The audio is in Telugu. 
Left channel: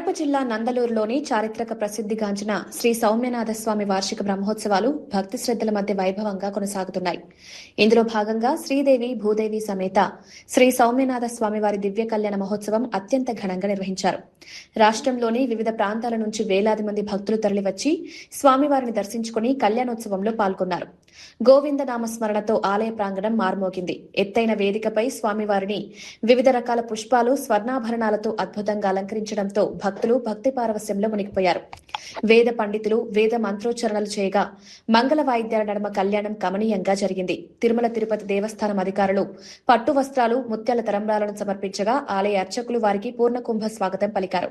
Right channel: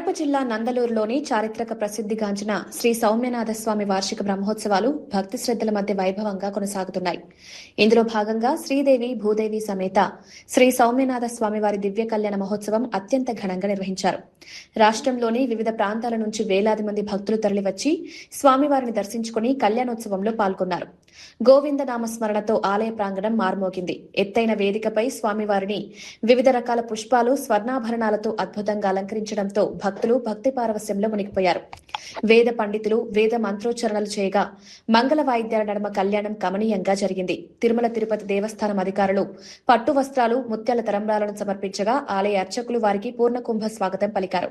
కడప జిల్లా నందలూరులోని చారిత్రక ప్రసిద్ధిగాంచిన శ్రీ సౌమ్యనాథ స్వామి వార్షిక బ్రహ్మోత్సవాలు భక్తి శ్రద్ధల మధ్య వైభవంగా కొనసాగుతున్నాయి. ఇందులో భాగంగా శ్రీదేవి భూదేవి సమేత శ్రీ సౌమ్యనాథ స్వామివారి దివ్య కళ్యాణ మహోత్సవం అత్యంత ఘనంగా నిర్వహించారు. రాష్ట్రంలోని వివిధ ప్రాంతాల నుంచి వేలాది మంది భక్తులు తరలివచ్చి స్వామివారిని దర్శించుకుని కళ్యాణోత్సవంలో పాల్గొన్నారు. గోవింద నామస్మరణతో ఆలయ ప్రాంగణం మార్మోగింది. ఎత్తైన వేదికపై స్వామివారిని వివిధ రకాల పుష్పాలు, స్వర్ణాభరణాలతో అద్భుతంగా అలంకరించడంతో భక్తులు భక్తి పారవస్యంలో మునిగిపోయారు. వేద పండితులు వేద మంత్రోచ్చరణలు చేయగా మంగళ వాయిద్యాల నడుమ కళ్యాణం కమనీయంగా జరిగింది. తిరుమల తిరుపతి దేవస్థానం అధికారులు పట్టు వస్త్రాలు, ముత్యాల తరంబ్రాలను సమర్పించగా ఆలయ అర్చకులు వారికి పూర్ణ కుంభ స్వాగతం పలికారు.